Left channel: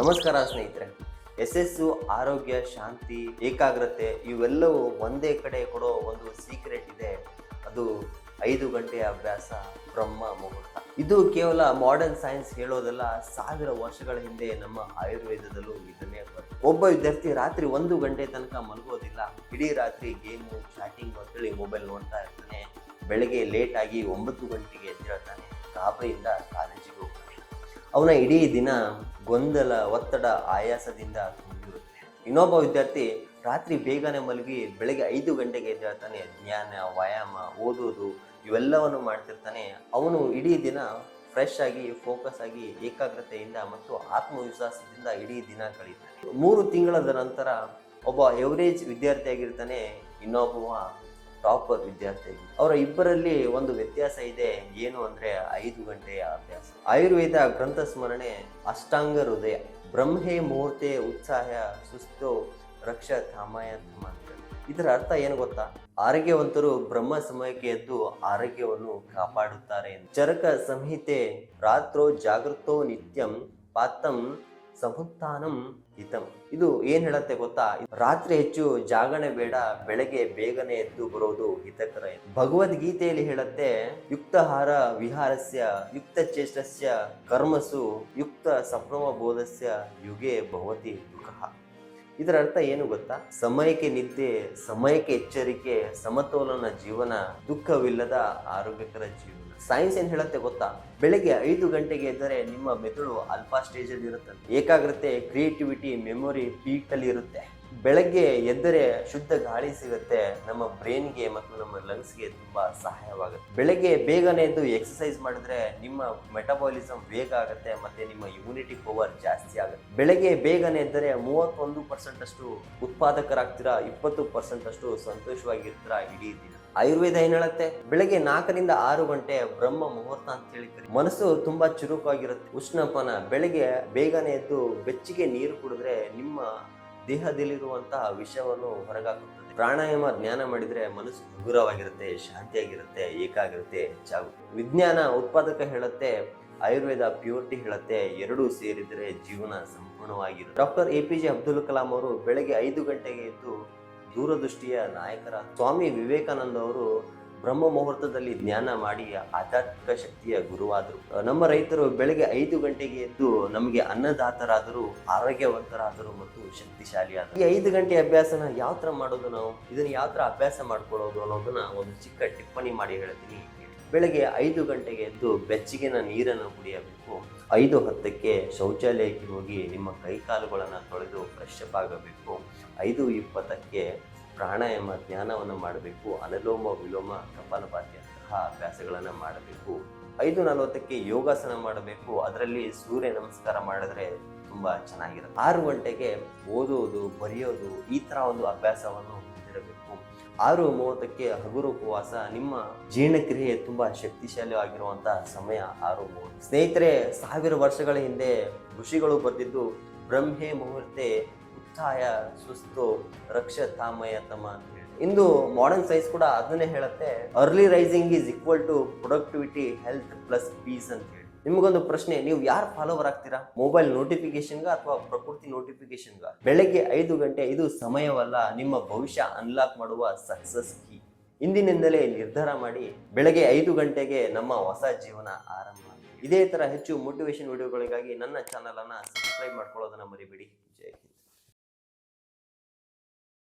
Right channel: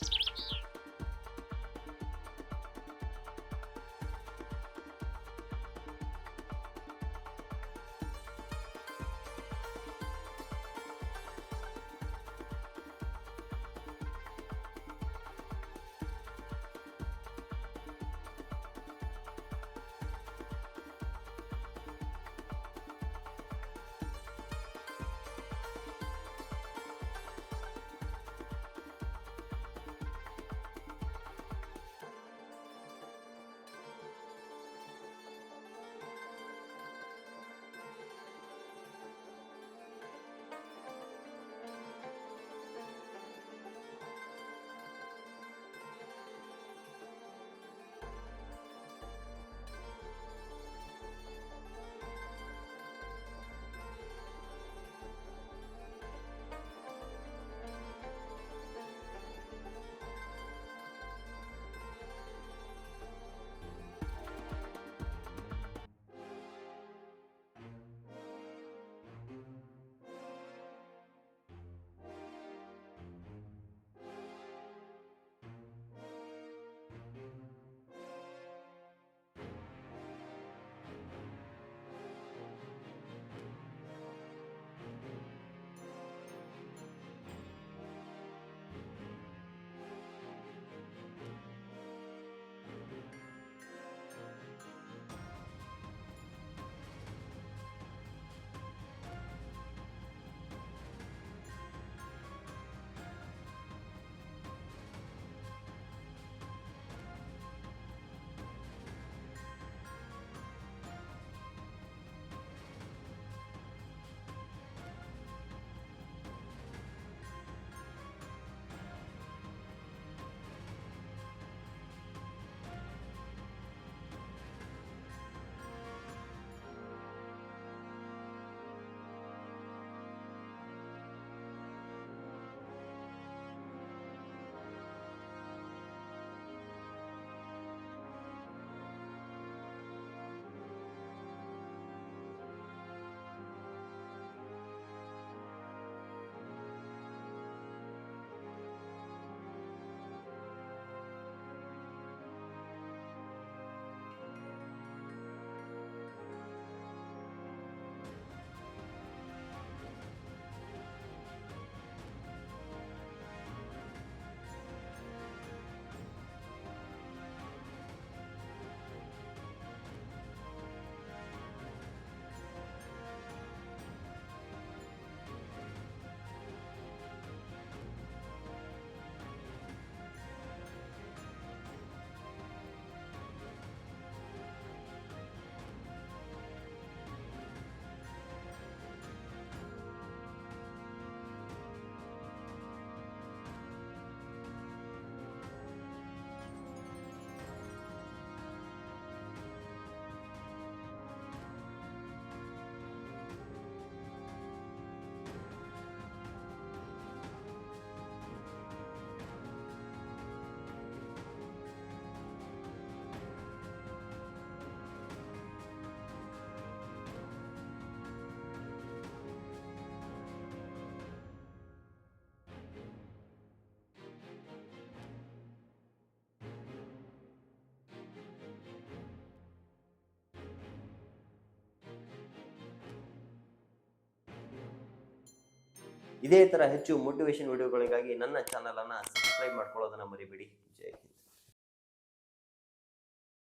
ನಮಸ್ಕಾರ ಸ್ನೇಹಿತರೆ. ಯಶಸ್ಸು, ಆರೋಗ್ಯ, ಶಾಂತಿ, ಏಕಾಗ್ರತೆ ಇವೆಲ್ಲವೂ ಒಂದೇ ಕಡೆ ಕೊಡೋ ಒಂದು ಸೀಕ್ರೆಟ್ ಇದೆ. ಅದು ಐದು ಗಂಟೆಯ ಅಭ್ಯಾಸ, ಬ್ರಹ್ಮ ಮುಹೂರ್ತ. ಇದು ಕೇವಲ ಮಾಡರ್ನ್ ಸೈನ್ಸ್ ಹೇಳೋದಲ್ಲ, ಸಾವಿರ ವರ್ಷಗಳ ಹಿಂದೆ ನಮ್ಮ ಆಯುರ್ವೇದದಲ್ಲೂ ಇದನ್ನೇ. ಒಬ್ಬ ವಿದ್ಯಾರ್ಥಿ ರಾತ್ರಿ ಒಂದು ಗಂಟೆ ತನಕ ಮಲಗೋದಿಲ್ಲ. ಇಡೀ ರಾತ್ರಿ ಗೇಮು ಚಾಟಿಂಗ್ ಅಂತೇಳಿ ಮೊಬೈಲ್ ನೋಡ್ತಾ ಇರ್ತಾನೆ. ಬೆಳಗ್ಗೆ ಲೇಟ್ ಆಗಿ ಒಂಬತ್ತು ಗಂಟೆಗೆ ಎದ್ದೇಳ್ತಾನೆ ಗಾಬರಿಯಿಂದ ಅವನ ಇಡೀ ದಿನ ಗೊಂದಲ, ಒತ್ತಡ, ಆಯಾಸದಿಂದ ಇನ್ನೊಬ್ಬ ವಿದ್ಯಾರ್ಥಿ ರಾತ್ರಿ ಬೇಗನೆ ಮಲಗಿ ಬೆಳಗ್ಗೆ ಐದು ಗಂಟೆಗೆ ಎದ್ದೇಳ್ತಾನೆ. ಜ್ಞಾನ ವ್ಯಾಯಾಮ ಓದೋದು ಇವೆಲ್ಲವನ್ನು ಮಾಡ್ತಿರ್ತಾನೆ. ಅವನು ಇಡೀ ದಿನ ಫ್ರೆಶ್ ಆಗಿ ಫೋಕಸ್ ಆಗಿ, ಏಕಾಗ್ರತೆಯಿಂದ ಮತ್ತು ಆತ್ಮವಿಶ್ವಾಸದಿಂದ ಇಡೀ ದಿನ ಕಳೀತಾನೆ ಮೂರು ತಿಂಗಳದ ನಂತರ ಒಬ್ಬ ಎವರೇಜ್ ವಿದ್ಯಾರ್ಥಿಯಾಗಿರ್ತಾನೆ ಇನ್ನೊಬ್ಬವ ಟಾಪರ್ ವಿದ್ಯಾರ್ಥಿ ಅವರ ಇಬ್ಬರಲ್ಲಿ ಒಂದು ವ್ಯತ್ಯಾಸ ಇದೆ. ಏನು ಅಂದ್ರೆ ಐದು ಗಂಟೆಯ ಅಭ್ಯಾಸ. ಆಯುರ್ವೇದ ಗ್ರಂಥ ಸ್ಮರಣೆ ಅಷ್ಟಾಂಗ ಹೃದಯ. ಬ್ರಹ್ಮೆ ಮುಹೂರ್ತೆ ಉತ್ಸಾಹ ಸುಸ್ತು ರಕ್ಷ ಧಾಮಯ ಇದರ ಅರ್ಥ ಏನು ಗೊತ್ತಾ? ಆರೋಗ್ಯವಂತರು ಬ್ರಹ್ಮ ಸಮಯಕ್ಕೆ ಎದ್ದು ಆರೋಗ್ಯವನ್ನು ಕಾಪಾಡುತ್ತಾರೆ ಚರಕ ಸಂಹಿತೆ ರಾತ್ರೋ ಜಾಗೃತೋ ನಿತ್ಯಂ ಪಾತಂ ಸಮುತ್ಥಾನಂ ಹಿತಂ. ಇದು ಏನ್ ಹೇಳತ್ತೆ ಗೊತ್ತಾ? ರಾತ್ರಿ ಹೆಚ್ಚು ಜಾಗಣೆ ಬೇಡ, ಬೆಳಗ್ಗೆ ಬೇಗನೆ ಎದ್ದು ಬರೋದು ಹಿತಕರ. ಭಗವದ್ಗೀತೆಯಲ್ಲಿ ಹೇಳತ್ತೆ, ಯುಕ್ತಹಾರ ವಿಹಾರಸ್ಯ ಯುಕ್ತ ಚೇಷ್ಟಸ್ಯ ಕರ್ಮಸು ಯುಕ್ತ ಸಂಭ್ರಮ ಬೋಧಸ್ಯ ಯುಗೆ ಭವತಿ ದುಃಖ. ಇದರ ಅರ್ಥ ಏನು ಗೊತ್ತಾ? ಸಮಯಕ್ಕೆ ನಿದ್ದೆ, ಸಮಯಕ್ಕೆ ಎಚ್ಚರಿಕೆ, ಸಮತೋಲನ ಜೀವನ ದುಃಖವಿಲ್ಲದ ಆರೋಗ್ಯಕರ ಜೀವನ. ಸೈನ್ಸ್ ಏನು ಹೇಳುತ್ತೆ ಗೊತ್ತಾ? ಬೆಳಗ್ಗೆ ಐದು ಗಂಟೆಗೆ ಎದ್ದರೆ ನಿಮ್ಮ ಮೆದುಳು ಅಲ್ಫಾ ಸ್ಟೇಜಲ್ಲಿ ಇರುತ್ತೆ. ಏಕಾಗ್ರತೆ ಕ್ರಿಯೇಟಿವಿಟಿ ಮೆಮೊರಿ ಪೀಕಲ್ಲಿ ಇರುತ್ತೆ. ಬೆಳಗ್ಗೆ ಎದ್ದರೆ ಶುದ್ಧ ಗಾಳಿ ಸಿಗುತ್ತೆ. ನಮ್ಮ ಬ್ರೈನ್ಗೆ ಮತ್ತು ನಮ್ಮ ಲಂಗ್ಸ್ಗೆ ತುಂಬಾ ಸಹಾಯವಾಗುತ್ತೆ. ಬೆಳಗ್ಗೆ ಬೇಗನೆ ಎದ್ದು ಎಕ್ಸಸೈಸ್ ಮಾಡಿದ್ರೆ ನಿಮ್ಮ ಮೆಟಬಾಲಿಸಮ್ ಬೇಗ ಆಗುತ್ತೆ ಮತ್ತೆ ನಿಮ್ಮ ಇಮ್ಯುನಿಟಿ ಪವರ್ ಜಾಸ್ತಿ ಆಗುತ್ತೆ. ಬೆಳಗ್ಗೆ ಬೇಗನೆ ಎದ್ದರೆ ಮೂವತ್ತೊಂದು ಪರ್ಸೆಂಟ್ ಅಷ್ಟು ಉತ್ಪಾದಕರಾಗ್ತೀರಾ? ಇಪ್ಪತ್ತು ಪರ್ಸೆಂಟ್ ಅಷ್ಟು ಸಂತೋಷವಾಗಿರ್ತೀರಾ? ಇಡೀ ಆಯುರ್ವೇದ ಏನ್ ಹೇಳುತ್ತೆ? ಬೆಳಗ್ಗೆ ನಾಲ್ಕರಿಂದ ಆರು ಗಂಟೆ ಬ್ರಹ್ಮ ಮುಹೂರ್ತ ಅಂತ ಹೇಳಿ ಕರೀತಾರೆ. ಮನಸ್ಸು ತುಂಬಾ ಚುರುಕಾಗಿರುತ್ತೆ. ಉಷ್ಣಪನ, ಬೆಳಗ್ಗೆ ಬೇಗನೆ ಎದ್ದು ಬೆಚ್ಚಗೆ ನೀರು ಕುಡಿದ್ರೆ ನಿಮ್ಮ ದೇಹದಲ್ಲಿರುವಂತಹ ವಿಷವನ್ನು ಹೊರಗಾಕುತ್ತದೆ. ಪ್ರಾಣಾಯಾಮ ಜ್ಞಾನ ಮಾಡಿದ್ರೆ ಮನಸ್ಸು ಹಗುರವಾಗಿರುತ್ತೆ ಶಾಂತಿಯಾಗಿರುತ್ತೆ ಏಕಾಗಿರುತ್ತೆ ಹೆಚ್ಚಾಗುತ್ತೆ. ವಿಜ್ಞಾನ ಉತ್ಪಾದಕ ಹೇಳುತ್ತೆ, ಆಯುರ್ವೇದ ಪ್ಯೂರಿಟಿ ಹೇಳುತ್ತೆ, ಎರಡೂ ಸೇರಿದರೆ ಜೀವನ ಸಂಪೂರ್ಣವಾಗಿರುತ್ತೆ. Doctor A P J Abdul Kalam ಅವರು ಬೆಳಗ್ಗೆ ಐದು ಗಂಟೆಗೆ ಎದ್ದು ದೂರದೃಷ್ಟಿಯ ನಾಯಕರ ಸ್ವಾಮಿ ವಿವೇಕಾನಂದ ಅವರು ಬ್ರಹ್ಮ ಮುಹೂರ್ತದಲ್ಲಿ ಜ್ಞಾನ ಮಾಡಿ ಆಧ್ಯಾತ್ಮಿಕ ಶಕ್ತಿಯ ಗುರುವಾದರು. ನಮ್ಮ ರೈತರು ಬೆಳಗ್ಗೆ ಐದು ಗಂಟೆಗೆ ಎದ್ದು ನಮಗೆ ಅನ್ನದಾತರಾದರು, ಆರೋಗ್ಯವಂತರಾದರು ಮತ್ತು ಶಕ್ತಿಶಾಲಿಯಾದರು. ಈ ಐದು ಗಂಟೆ ಅಭ್ಯಾಸನ ಯಾವ ಥರ ಮಾಡೋದು ನಾವು? ಇದನ್ನ ಯಾವ ಥರ ಅಭ್ಯಾಸ ಮಾಡ್ಕೊಳ್ಳೋದು ಅನ್ನೋದನ್ನ ಒಂದು ಚಿಕ್ಕ ಟಿಪ್ಪಣಿ ಮಾಡಿ ಹೇಳ್ತೀನಿ. ಬೆಳಗ್ಗೆ ಐದು ಗಂಟೆಗೆ ಎದ್ದು ಬೆಚ್ಚಗಿನ ನೀರನ್ನು ಕುಡಿಯಬೇಕು. ಐದು ಹತ್ತಕ್ಕೆ ಶೌಚಾಲಯಕ್ಕೆ ಹೋಗಿ ನಿಮ್ಮ ಕೈಕಾಲುಗಳನ್ನು ತೊಳೆದು ಫ್ರೆಶ್ ಆಗಬೇಕು. ಐದು ಇಪ್ಪತ್ತಕ್ಕೆ ಪ್ರಾಣಾಯಾಮ ಧ್ಯಾನವನ್ನು ಮಾಡಬೇಕು. ಅನುಲೋಮ, ವಿಲೋಮ ಕಪಾಲಭಾತಿಯಂತಹ ಅಭ್ಯಾಸಗಳನ್ನು ಮಾಡಬೇಕು. ಐದು ನಲವತ್ತಕ್ಕೆ ಯೋಗಾಸನ ಮಾಡಬೇಕು. ಅದರಲ್ಲಿ ಸೂರ್ಯ ನಮಸ್ಕಾರ ಮಾಡಿದ್ರೆ ತುಂಬ ಚೆನ್ನಾಗಿರುತ್ತೆ. ಆರು ಗಂಟೆಗೆ ಓದೋದು, ಬರೆಯೋದು ಈ ಥರ ಒಂದು ಅಭ್ಯಾಸವನ್ನು ಆರು ಮೂವತ್ತಕ್ಕೆ ಹಗುರು ಉಪವಾಸ ನಿಮ್ಮ ಜೀರ್ಣಕ್ರಿಯೆ ತುಂಬಾ ಶಕ್ತಿಶಾಲಿಯಾಗಿರುವಂತಹ ಸಮಯ ಆರು ಮೂವತ್ತು ಸ್ನೇಹಿತರೆ, ಸಾವಿರ ವರ್ಷಗಳ ಹಿಂದೆ ಋಷಿಗಳು ಬರೆದಿದ್ದು, ಬ್ರಹ್ಮೆ ಮುಹೂರ್ತೆ ಉತ್ಥಾಯ ಸುಸ್ತು ರಕ್ಷ ತಾಮಯ ತಮ ಇಂದು ಮಾಡರ್ನ್ ಸೈನ್ಸ್ ಕೂಡ ಅದನ್ನೇ ಹೇಳುತ್ತೆ early rising is equal to productivity health plus peace ಅಂತ ಹೇಳಿ ನಿಮಗೊಂದು ಪ್ರಶ್ನೆ, ನೀವು ಯಾರು ಫಾಲೋವರ್ ಆಗ್ತೀರಾ? ಮೊಬೈಲ್ ನೋಟಿಫಿಕೇಶನ್ಗ ಅಥವಾ ಪ್ರಕೃತಿ ನೋಟಿಫಿಕೇಶನ್ಗ ಬೆಳಗ್ಗೆ ಐದು ಗಂಟೆ, ಇದು ಸಮಯವಲ್ಲ, ನಿಮ್ಮ ಭವಿಷ್ಯ ಅನ್ಲಾಕ್ ಮಾಡುವ ಸಕ್ಸಸ್ ಕೀ ಇಂದಿನಿಂದಲೇ ನಿರ್ಧಾರ ಮಾಡಿ, ಬೆಳಗ್ಗೆ ಐದು ಗಂಟೆಗೆ ನಮ್ಮ ಹೊಸ ಜೀವನ ಆರಂಭ ಇದೇ ತರ ಹೆಚ್ಚು ಮೋಟಿವೇಶನ್ ವಿಡಿಯೋಗಳಿಗಾಗಿ ನನ್ನ ಚಾನಲ್ ಅನ್ನ ಸಬ್ಸ್ಕ್ರೈಬ್ ಮಾಡ್ಕೊಳ್ಳೋದನ್ನ ಮರಿಬೇಡಿ. ಜೈ